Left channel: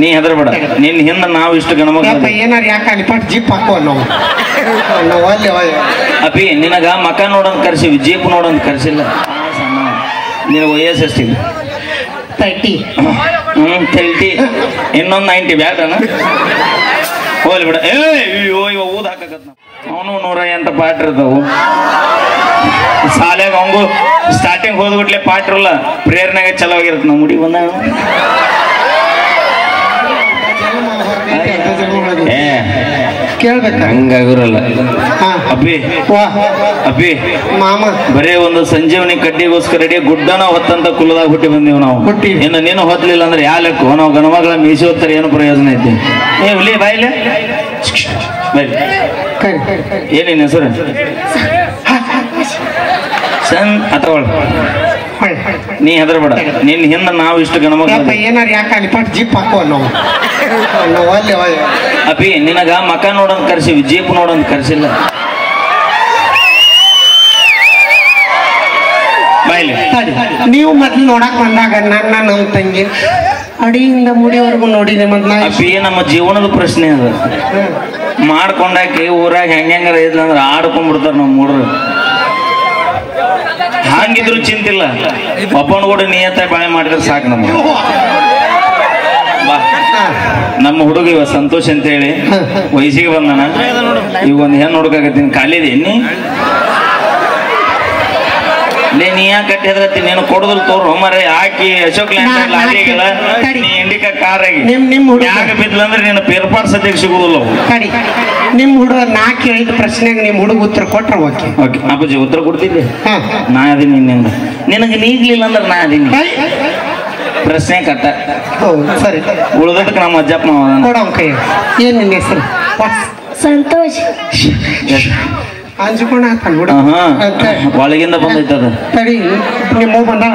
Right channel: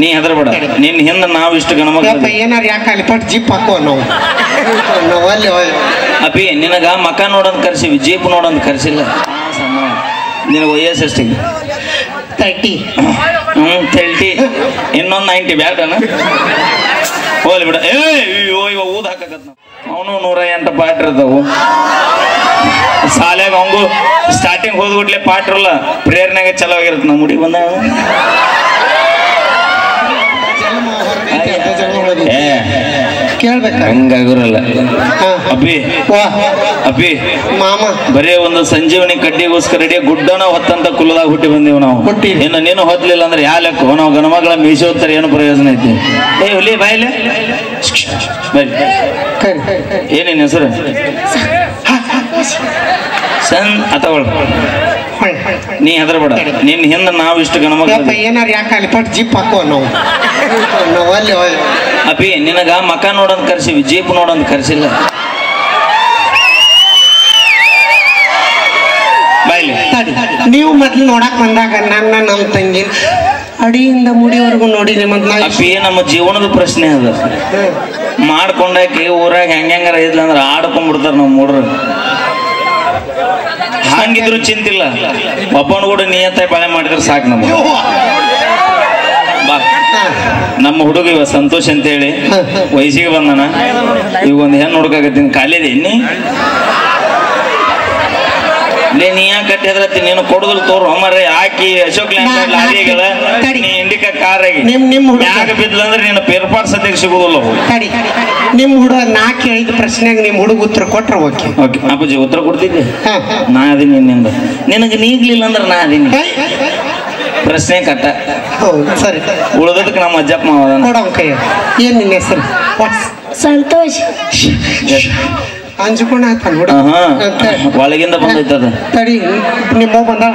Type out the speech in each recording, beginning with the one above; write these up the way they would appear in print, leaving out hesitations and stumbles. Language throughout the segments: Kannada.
ನೀ ಹೆದರ್ಬೇಡ. ನಿನ್ನ ಹಿಂದೆ ನಾವು ಇಷ್ಟು ಗಣಮಕ್ಳು ಏನಾರು ಯಾಕೆ ಅಲ್ಲಿ ಪಟ್ಟು ಜಿಪ್ ಹಾಕೋ ನಾವು ಅಲ್ಲಿ ಅಪ್ಪಿ ನಿನಗ ಮಕ ನೋಡೋದು ಕರ್ಸಿವಿ, ಜೀಪ್ ನೋಡೋದು ಕರ್ಸಿಲ್ಲ. ನಿನಗೆ ವಯಸ್ಸು ಎಷ್ಟಿದೆ? 30. 30. ಇನ್ನೊಂದು 90 ಬ್ಯಾಡ್ರನ ಹೋಗ್ಲಿ ಬಿಡ. ಅಯ್ಯೋ ಇವ ಊದ್ ಹಾಕಕತ್ ಅವನು 108 ಪಾಠ ಇರ್ತಾವು ಶಾಲೆಗೆ. ಅವಂಗು ಸ್ಟಾರ್ಟಿಂಗ್ ಹೋದ್ಬಿಟ್ಲೆ ಪಾಠ ಇರಲ್ಲ, ಪ್ರೇರಣೆಗೆ ಚಲೋ ಆಗಿರುತ್ತೆ. ನಮ್ಮ ಮುಡಿ ಬಂದ ಕೇಳ್ಬೇಕ ಹಂಗಾಗಿರಲ್ಲ. ಅಪ್ಪಿ ಅಪ್ಪಿ ಮಾಮ ಬರೇ ಒಂದು ಸಂಜೀವನಿ ಕಡ್ಡಿಗೋಸ್ಕರ ಇಡೀ ಗುಡ್ಡನ ಹೊತ್ತಂತ ಕುಲದಾಗ ಹುಟ್ಟಿ ಬಂದೀವಿ ನಾವು. ಇನ್ನು ನೀನು ಹೊತ್ತಲಿಲ್ಲ ಅಂದ್ರೆ ಯಾ ಲೆಕ್ಕ? ನಾವು ಗಣಮಗಳ ಮೀಸಿ ಹೊತ್ತಾರೆ ಏನು ಪ್ರಯೋಜನ ಐತಿ? ಹುಲಿ ಬಾಯಿಲೆ ಏನೇನು ಹೆಸರು? ತಗೊಳ್. ನೀ ಹೆದರ್ಬೇಡ. ನಿನ್ನ ಹಿಂದೆ ನಾವು ಇಷ್ಟು ಗಣಮಕ್ಳು ಏನಾರು ಯಾಕೆ ಅಲ್ಲಿ ಪಟ್ಟು ಜಿಪ್ ಹಾಕೋ ನಾವು ಅಲ್ಲಿ ಅಪ್ಪಿ ನಿನಗ ಮಕ ನೋಡೋದು ಕರ್ಸಿವಿ, ಜೀಪ್ ನೋಡೋದು ಕರ್ಸಿಲ್ಲ. ಬಾಯ್ಲಿ ನೀವು ಮೊದ್ಲು ನೋಡಕ್ ಬಂದಾಗ ನನ್ನ ತಂಗಿ ಅಡಿಯಿಂದ ಮುಡಿವರೆಗೂ ನೋಡಿ ನಿಮ್ಮನ್ನ. ಅಪ್ಪಿ ನಮ್ಮ ಜೀವನದ ಪ್ರಶ್ನೆ ಅದ. ಮಾಡ್ಕೊಂಡಾಕಿ ಊರಾಗ ಹೆಂಗಾರ ಇದ್ಲ ಅಂದ್ರೆ ಆಡ್ಕೊಂಡ್ಬಿಡ್ತಾರ ನಮ್ಮ ಮೂಡ್ರು. ಹಂಗಿದ್ರು ಚಿಂತಿಲ್ಲ, ಒಬ್ಬನ ಕೂಡ ನಿಯತ್ತ ಬಾಳೆ ಮಾಡಿದ್ರೆ ಸಾಕು ನಮ್ಗೆ. ನಮ್ಮ ಹುಡುಗ ಇವ ಸಂತೋಷ್ ಅಂತ ಹೇಳಿ ವಯಸ್ಸಿಗೆ ಬಂದನ. ಈಗ ಒಂದು ಹೆಣ್ಣು ಹುಡುಕಾಗತ್ತೀನಿ. ಖಾಲಿದೆ ನೀ ಯಾಕೆ ಕಟ್ಟಿ ಹೆದ್ರತ್ತಿ? ನೀನು ಕೊಡುದಿಲ್ಲ ತೋರು ಮರೆ ಹಾಕಿ ಅಶೋಕ್ ಲ್ಯಾಂಡ್ ಲಾರಿಗಳ ನೀ ಇಂಡಿಕಾ ಕಾರಾಗಿ ಯಾಕೆ ಬಿದ್ದಂದ್ರೆ ನಿನ್ನ ಪೇರ್ಪಾಟ್ ಸದ್ಯಕ್ಕೆ ಸಿಗುದಿಲ್ಲ. ನಿಮ್ ಹುಡುಗ ನಾ ಕೇಳಿದ ಪ್ರಶ್ನೆಗೆ ನಿಮ್ ಹುಡುಗ ಉತ್ತರ ಕೊಟ್ರೆ ಓಕೆ. ಓಕೆ ಅಪ್ಪಾಜಿ ಉತ್ತರ ಕೊಡ್ತಿದ್ದೆ. ನಾ ಅದೀನಿ ನಿನ್ನಿಂದ. ನಿನಗೆ ನೀಗ್ಲಿಲ್ಲ ಅಂದ್ರೆ ನಾ ಅದೀನಿ. ಪ್ರಶ್ನೆ ಕಟ್ಟ ಸರಿ. ಉಳಿದದಕ್ಕೆ ನಮ್ಮ ಅಜ್ಜಪ್ಪ ಕೊಡೋ ಕೈ. ಏನ್ ನಿನ್ನ ಹೆಸರು? ಸಂತೋಷ್. ಅಂಜುಕೊಂಡ ಒಳಗಿಂದ ಬಂದೈತದ. ತಡಿ, ನಿಮ್ಮ ಬಂದಾಳ?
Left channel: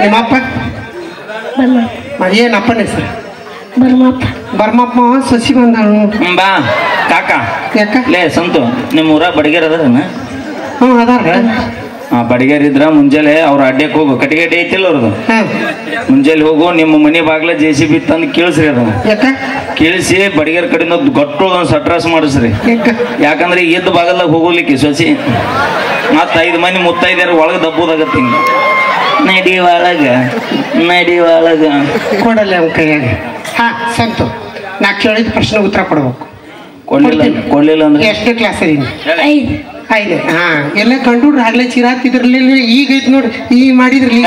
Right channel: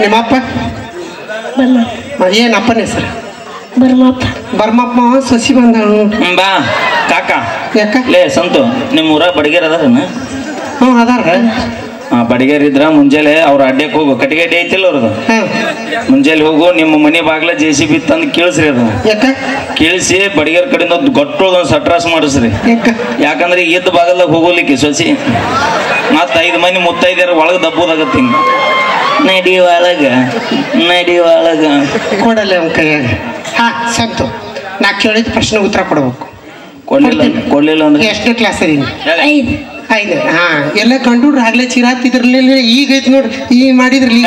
ನಿಮ್ಮಪ್ಪ ಏನಪ್ಪನ ಹೆಸರು? ಬರ್ಮಪ್ಪ. ಸಸಿ ಬಂದಾಳ ಬಾ ಕಾಕ. ಯಾಕ ಲೇ ಸಂತು, ನಿಮ್ಮ ಊರಾಗ ಬಡಿಗೇರ್ ಅದಾರ? ಅದಾರ. ಬಡಿಗೇರ್ ಇದ್ರ ಮುಂಜಾನೆ ಅವ್ರ ಅಡ್ಡಕ್ಕೆ ಹೋಗು. ಕಟ್ಟಿಗೆ ಐತಿಲ್ಲ ಅವ್ರದ್ದು. ಮುಂಜಾನೆ ಹೋಗು, ನಿಮ್ಮ ಮನೆ ಬಾಗ್ಲ JCB ತಂದು ಕೇಳಿಸ್ರಿ. ಅದು ಕೇಳಿಸಿ ಬಡಿಗೇರ್ ಕಡೆಯಿಂದ ಗಟ್ಟೋದೊಂದು ಸಟ್ರಾಸ್ ಮಾಡಿಸ್ರಿ. ಯಾಕಂದ್ರೆ ಎದ್ದು ಬಾಗಲ್ದಾಗ ಹೋಗೋಲಿಕ್ಕೆ ಸೊಸಿ ಮತ್ತ 5 ಮಂದಿ ಮುತ್ತೈದ್ಯಾರ ಒಳಗೆ ದಬ್ಬೋದಾಗತ್ತೆ. ಹಿಂಗ ನಡಿ ಒಳಗ ಕೊಡಲ್ಲ ಅವ್ನ ಕೈಯಾಗ. ಹಾ ಸಂತು, ನಾ ಕೇಳಿದ ಪ್ರಶ್ನೆ ಉತ್ತರ ಕೊಡ್ಬೇಕು. ಕೊಡ್ಲಿಲ್ಲ ಅಂದ್ರೆ ಎಷ್ಟನೇ ಕ್ಲಾಸ್ ಇದೀನಿ? 5. ಹಾ ಎಲ್ಲ ಕಂಡುಡ್ರಿ ಆಗ್ಲೇ ಚಿರಾತಿದ್ರಲ್ಲ. ಈಗ ಐತಿ ನೋಡ್ರಿ, ಈಗ ಮಾಡಿದ್ರಿ.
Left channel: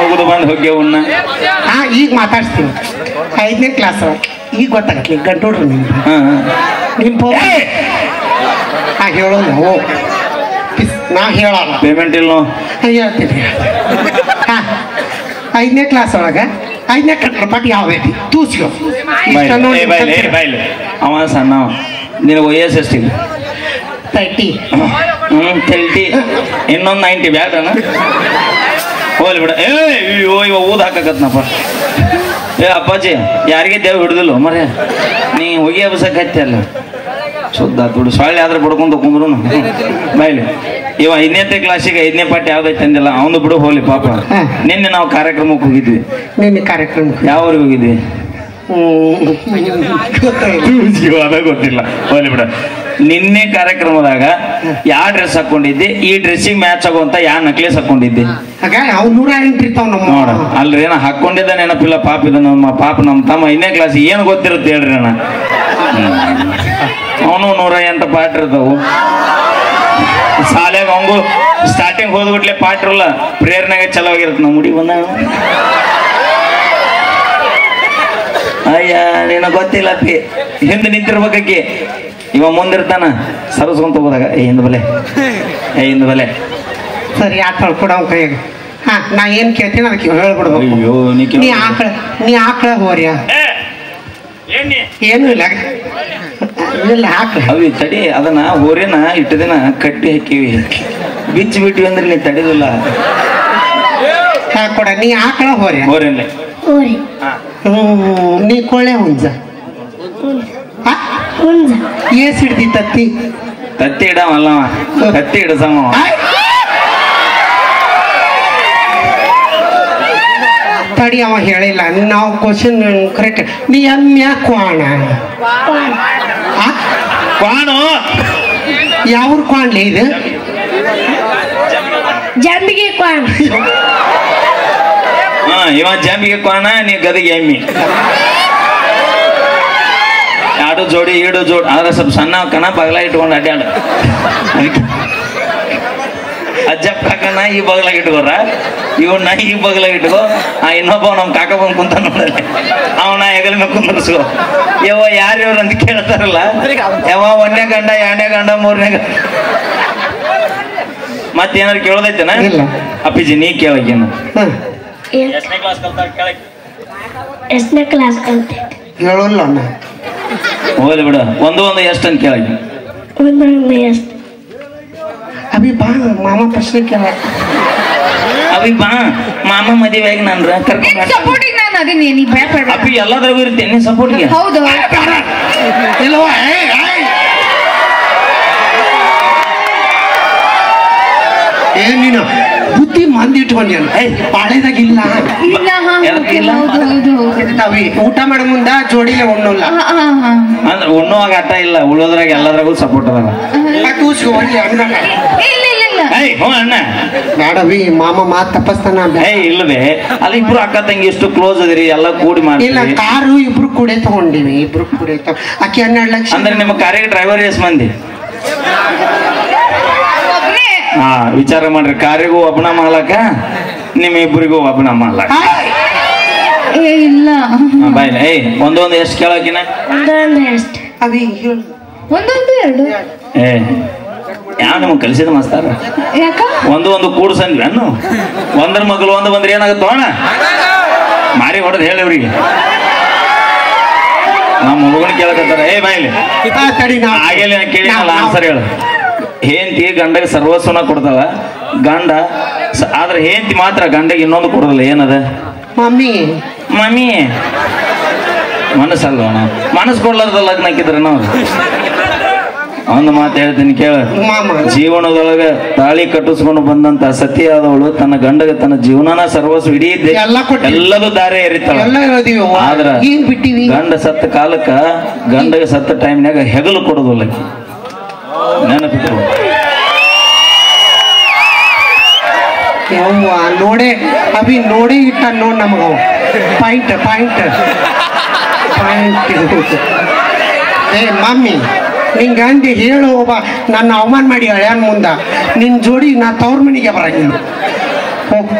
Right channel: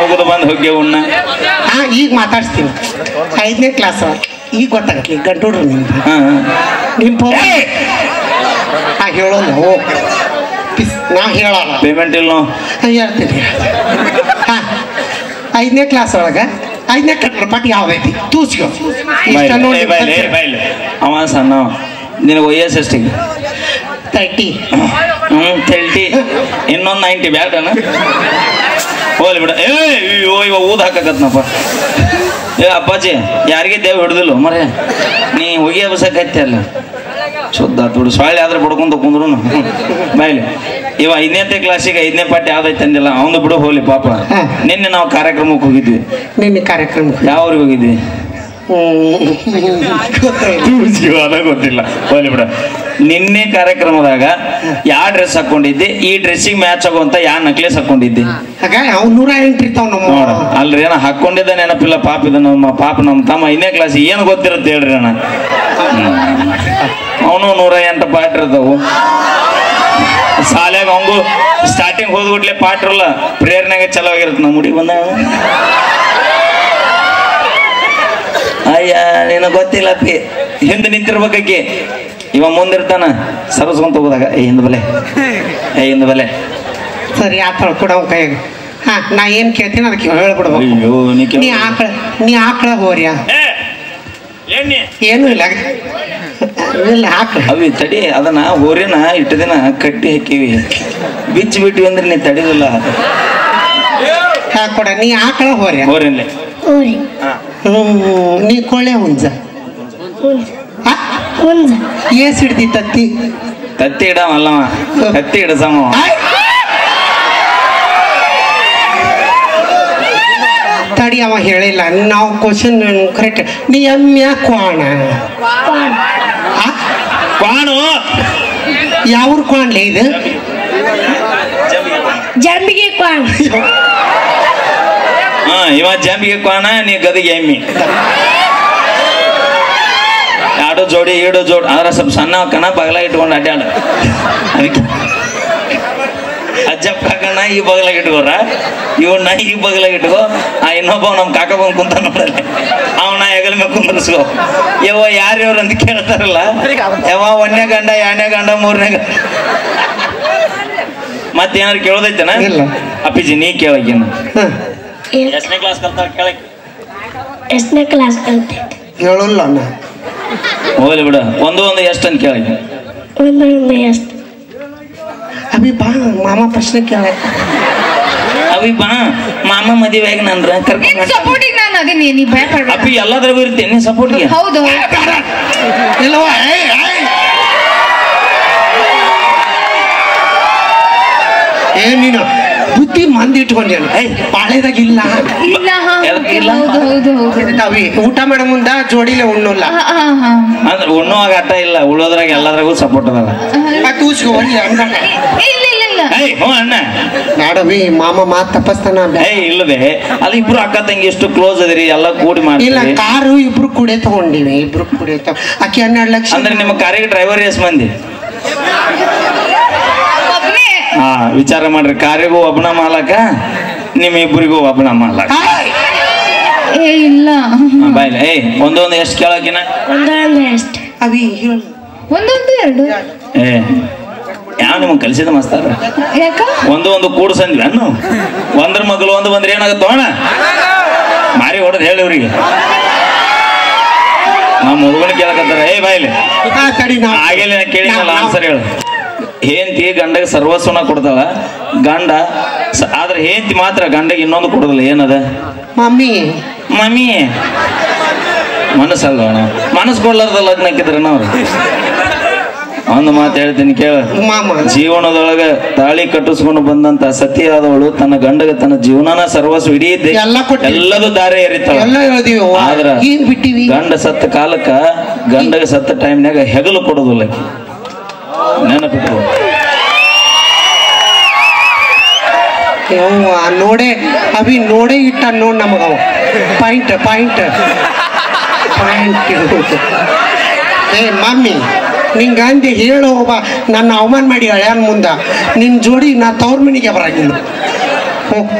ಹೋಗುದು ಬಂದು ಹೋಗ್ಯ ಉಣ್ಣ. ಹಾ ಈಗ ಮಾತಾಡ್ಸ್ತೀನಿ. 5ನೇ ಕ್ಲಾಸ್ ಈಗ ಗೊತ್ತಾಗತ್ಲಿ ಗಂಟುಡ್ರಿ ನಿಮ್ದು. ಹಾ ಹೇಳೋದು ನಾ ಹೇಳಲ್ಲ. ಪೇಮೆಂಟ್ ಇಲ್ಲ ಹೇಳ್ತೀನಿ. ಹಾ 5ನೇ ಕ್ಲಾಸ್ ಒಳಗ 5ನೇ ಕಟ್ಟಪಾಟಿ ಯಾವ್ದೈತಿ? ತೂಸ್ಕೋ. ಅವ ಸಣ್ಣ. ನಿನಗೆ ವಯಸ್ಸು ಎಷ್ಟಿಗೆ? 30. 30. ಇನ್ನೊಂದು 90 ಬ್ಯಾಡ್ರನ ಹೋಗ್ಲಿ ಬಿಡ. ಅಯ್ಯೋ ಇವ ಊದ್ ಹಾಕಕತ್ನಪ್ಪ. ಅಪ್ಪಾಜಿ ಯಾರಿಗೆ ದೇವ್ ಹಿಡ್ದಿಲ್ಲ ಮರೆ. ನೀ ಹೋಗಿ ಹಬ್ಬಸಕ್ಕೆ ಅಲ್ಲ ಶುದ್ಧ ತುಡು ಸೊಳ್ಳೆ ಆದ್ರೆ ಬಡ್ಕೊಂಡ್ ಕುಂದ್ರು ಬಾಯ್ಲಿ. ಇವ 5ನೇ ಕ್ಲಾಸಿಗೆ 5ನೇ ಪಾಠ ಯಾವ್ದೈತೆ ಅಂದಿಲ್ಲ. ಅವನು ಬಿಡು ಹೋಗ್ಲಿ ಪಾಪ. ನಿನ್ನೆ ನಾವು ಕಾರ್ಯಕ್ರಮಕ್ಕೆ ಹೋಗಿದ್ವಿ. ನಿನ್ನೆ ಕಾರ್ಯಕ್ರಮಕ್ಕೆ ಯಾವ ಊರಿಗೆ ಹೋಗಿದ್ವಿ? ಜೀವನ ಗೊತ್ತಿಲ್ಲ, ಹೋಗ್ಲಿ ಬಿಡ. ನಿನ್ನೆ ಕಾರ್ಯಕ್ರಮದಾಗ ಯಾವ ಡ್ರೆಸ್ ಹಾಕೊಂಡಿದ್ದೆ? ಈ ಡ್ರೆಸ್ಸಿಗೆ ಮ್ಯಾಚ್ ಆಗುವಂತ ಯಾವ ನೆಕ್ಲೆಸ್ ಹಾಕೊಂಡಿದ್ದೆ? ನೋಡ ಅಲ್ರಿ, ಏನ ಹಾಕೊಂಡಿದ್ದ ನೆನಪಿಲ್ಲ ಪಾಪ. ಇದು ನಮ್ಮ ತಮ್ಮ 5ನೇ ಕ್ಲಾಸ್ ಏನು ಗೊತ್ತಿರುತ್ತೆ ಹೇಳ್ರಿ ಅಣ್ಣ. ಅವನು 108 ಪಾಠ ಇರ್ತಾವು ಶಾಲೆಗೆ. ಅವಂಗು ಸ್ಟಾರ್ಟಿಂಗ್ ಹೋದ್ಬಿಟ್ಲೆ ಪಾಠ ಇರಲ್ಲ, ಪ್ರೇರಣೆಗೆ ಚಲೋ ಆಗಿರುತ್ತೆ. ನಮ್ಮ ಮುಡಿ ಬಂದ ಅಯ್ಯ ನೀನು ಗೊತ್ತಿಲ್ಲ ಪಿ. ಹಿಂದೆ ನಿಂತಿರ್ಬೇಕಾಕಿ, ಇವ ಮುಂದಿರ್ತಾನ ಸರ್ಸ್ಕೊಂತ ಹೋದಾಗ ಹಿಂದ್ ಬೆಲೆ ಸರಿ ಆಕಳ ಕೊಡ ಕೈಯಾಗ. ಹಾ ನಾ ಏನ್ ಕೇಳ್ತೀನಿ ಅದಕ್ಕೆ ಹೇಳ್ಬಿಡ್ಬೇಕು. ನೀ ಆಕಳ ಹೋರ್ಯಾ ಏನು ಇಲ್ಲ ಆಕಳ ಅವಿ ತಡಿ. ಅದನ್ನ ಹೋರಿನ ಇಟ್ಟು ದಿನ ಕಟ್ಟಿ ಹಾಕಿವಿ, ಬಿಚ್ಚಿ ಬಿಟ್ಟಿವಿ ಅಂದ್ರೆ ನೀ ತಡಿದಿಲ್ಲ. ಹಾ ಕೊಡ. ನೀ ಆಕಳ ಹೋರಿಲ್ಲ. ನೀ ಕೊಳ್ಳೆ ಹುಂಜ ಏಸ್ ಹಿಡ್ದಿ ತತ್ತಿ ಇಡವಲ್ಲವ, ತತ್ತಿ ಇಡಸಮ. ತಡಿ ಅವ ಹೇಳಿಲ್ಲ ನಾವು ಕ್ವಶನ್ ಕರೆಕ್ಟ್ ನೀ ಎಮ್ಮೆ ಕ್ವಾಣ ಕ್ವಾಣು ಯಾವ್ರ ಕ್ವಾಣ್ಲಿ ಇದು ಜಂಬಿಗೆ ಕ್ವಾಣ ಇವ ಜಂಬಿಗೆ ಕ್ವಾಣ ನೀ ಗದಿಗೆ ಎಮ್ಮಿ ಆಡು ಜೋಡಿ ಈಡು ಜೋಡಿ ಆದ್ರೆ ಸ್ವಲ್ಪ ಸಣ್ಣ ಕಣ ಬಗಲ ಇಟ್ಕೊಂಡು ಅಡ್ಡಾಡ ಅದಕ್ಕೆ ಅಜ್ಜಪ್ಪ ಕಾಕನ ಈ ಬಗಲಾಗ ಇಟ್ಕೋರ ಇವನ್ನ ಈ ಬಗಲಾಗ ಇಟ್ಕೋ ಇನ್ನೊಬ್ಬ ನಮ್ಮ ಕಾಕ ಬಂದು ಕುಂತ ನೋಡಲ್ಲ ಅವನ ಹೆಗಲ ಮೇಲೆ ಕುಂದರ್ಸ್ಕೋ ಯವ್ವ ಯಾರ್ಯಾರು ಅಂತ ಕೇಳ್ತಾರಲ್ಲ ಯವ್ವ 1ನೇ ಗಂಡ 2ನೇ ಗಂಡ 3ನೇ ಗಂಡ ಮತ್ತೇನಾರು ಕೇಳೋದೈತನ ಅಪ್ಪಿಜಿ ನೀ ಕೇಳಕ್ಕೇನು ಎಷ್ಟನೇ ಕ್ಲಾಸ್ ಕಲ್ತ ಕೇಳಕ್ ಎಷ್ಟನೇ ಕ್ಲಾಸ್ ಕಲ್ತೆ ಹೇಳಲ್ಲ ಅಣ್ಣ ಹೋಗ್ಲಿ ಬಿಡ ಒಂದು ಎಷ್ಟು ಅಂತ ಕೇಳಕ್ಕೆ ಒಂದು ಎಷ್ಟು ಅಭಿ ಬಾ ಮಾಮ ಪ್ರಶ್ನೆ ಕೇಳ ಅವಿ ಬಾ ಮಾಮ ಮದುವೆಯಾಗಿ ನನ್ರ ಕರ್ಕೊಂಡು ಸಪೋರ್ಟಿಗೆ ನಾನು ಅದೇನಿ ನೀ ಭಯಪಡ ಅಪ್ಪಿ ಎಲ್ಲದ್ರಾಗೂ ಇರ್ತೇನೆ ಸಪೋರ್ಟ್ಗೆ ಹೌದು ಇಲ್ವಾ ಏನ್ ನೀನು ಬುದ್ಧಿ ಮಂದಿ ಇಟ್ಕೊಂಡ್ಯಾನ ಬಾಳೆದಾಗ ಇಲ್ಲ ಇಲ್ಲ ಇಲ್ಲ? ಹೌದು ಅವಿ ಊಟ ಮಾಡೋ ಮುಂದ ಜೋಡಿಲೆ ಉಣ್ಣಲ್ಲ ಅಂದ್ರೆ ಉಣ್ಣುವಾಗ ಅಟ್ಟ ಇಲ್ಲ ಉಳೋದ್ರಾಗ ಎಲ್ಲದ್ರಾಗೂ ಸಪೋರ್ಟ್ ಅದಾಗ ಏಯ್ ಹ್ಞೂ ಅಣ್ಣ ಬ್ಯಾಡವಿ ಮಾಮ ಮಾತ್ ತಪ್ಪಸ್ತಾನ ಏಯ್ ಇಲ್ಲವೇ ಅಲ್ಲಿ ಇಬ್ರು ಅಕ್ಕ ತಂಗಿ ಎಷ್ಟು ಕ್ಲೋಸ್ ಅದಿರಿ ಎಲ್ಲ ಕೂಡಿ ಇಲ್ಲ ಮಾಡಿ ಕಾರು ಇಬ್ರು ಕೂಡೆ ತಗೊಂಡಿವಿ ಇಬ್ರು ಕೂಡೆ ಆಕಿ 12 ಲಕ್ಷ ಅಂದ್ರೆ ನಿಮ್ಮ ಕಾರಿಗೆ ಡ್ರೈವರ್ ಎಷ್ಟು ಮಂದಿ ಹಾ ವಿಚಾರ ಮಾಡ್ರಿ ಕಾರಿಗೂ ಒಬ್ಬನ ಮಾಲಕ ನಿಮ್ ಇಬ್ಬರಿಗೂ ಒಬ್ಬನ ಮಾಲಕ ಏ ಇಲ್ಲ ಬಾಯ್ ಏಯ್ ಒಂದೊಂದು ಎಷ್ಟು ಕೇಳಕಿನ ಒಂದು ಎಷ್ಟು ಅವಿ ಒಂದೊಂದು ಎರಡು ಏ ಯಾವ ನಿಮ್ಗೆ ಕಲಿಸಿದ ಮಸ್ತಾರ ಯಾಕ ಒಂದು ಕೂಡ್ಸಂದ್ವಿ ಅನ್ನು ಒಂದ್ರ ಮಗಳು ಒಂದು ಬಂದ್ರೆ ಏನಾಗುತ್ತೆ ಅಣ್ಣ ಮಾರಿ ಹೊಡೆದು ಹೇಳಿ ಅವ್ರಿಗೆ ನಮ್ಮ ಹುಡುಗನ ಕೇಳಕತ್ತಾರ ಏ ಬಾಯ್ಲಿ ಆಗೇಲಿ ಕೇಳಿಲ್ಲ ಆನ್ಸರ್ ಹೇಳು ಹೆಂಡತಿ ಗಂಡಗೆ ಸರ್ವಸ್ವನ ಕೊಡ್ತಾಳ ಗಂಡ ಆದ್ರೆ ಹೆಂಡತಿ ಮಾತ್ರ ಗಂಡಗೆ ಇನ್ನೊಂದು ಕೊಡೋದಿಲ್ಲ ಏನದ ಮಮ್ಮಿ ಮಮ್ಮಿ ಮನಸ್ಸಲ್ಲ ಮನಸ್ಸು ಕೊಡ್ಲಾರ್ದ ಲಗ್ನ ಹಾಕಿದ್ರೆ ನಾವು ಒಂದು ಮಾತು ಹೇಳ್ತೀನಿ ಕೇಳ ಜೀವನದೊಳಗ ತಾಳಿ ಕಟ್ಟಿಸ್ಕೊಂಡು ಬಂದಂತ ಸತಿಯಾದವಳು ತನ್ನ ಗಂಡಗೆ ತನ್ನ ಜೀವನನ ಸರ್ವಸ್ವ ಇಡೀ ಎಲ್ಲದೂ ದಾರಿ ಎರಿತಾಳ ಆದ್ರ ಗಂಡ ಸತ್ತ ಕಾಲಕ್ಕ ಗಂಡಗೆ ಸತ್ತ ಟೈಮ್ನಾಗ ಹೆಗಲು ಕೊಡೋದಿಲ್ಲ ನೆನಪಿಟ್ಟು ನೋಡೇ ಅವಿ ನೋಡೇ ಇಟ್ಟ ನೋಡ್ ನಮಗ ಪಾಯಿಂಟ್ ಪಾಯಿಂಟ್ ಪಾಯಿಂಟ್ ಏ ಮಮ್ಮಿ ನಿನ್ ಗಂಡಿ ಹೇಳು ನನ್ನ ಅವಮಾನ ಮಾಡಿ ಹಳ್ಯಾನ ಮುಂದ ನಿನ್ ಜೋಡಿ ನಾ ತವ್ರ ಮನೆಗೆ ಬರಂಗಿಲ್ಲ ಹೋಗ್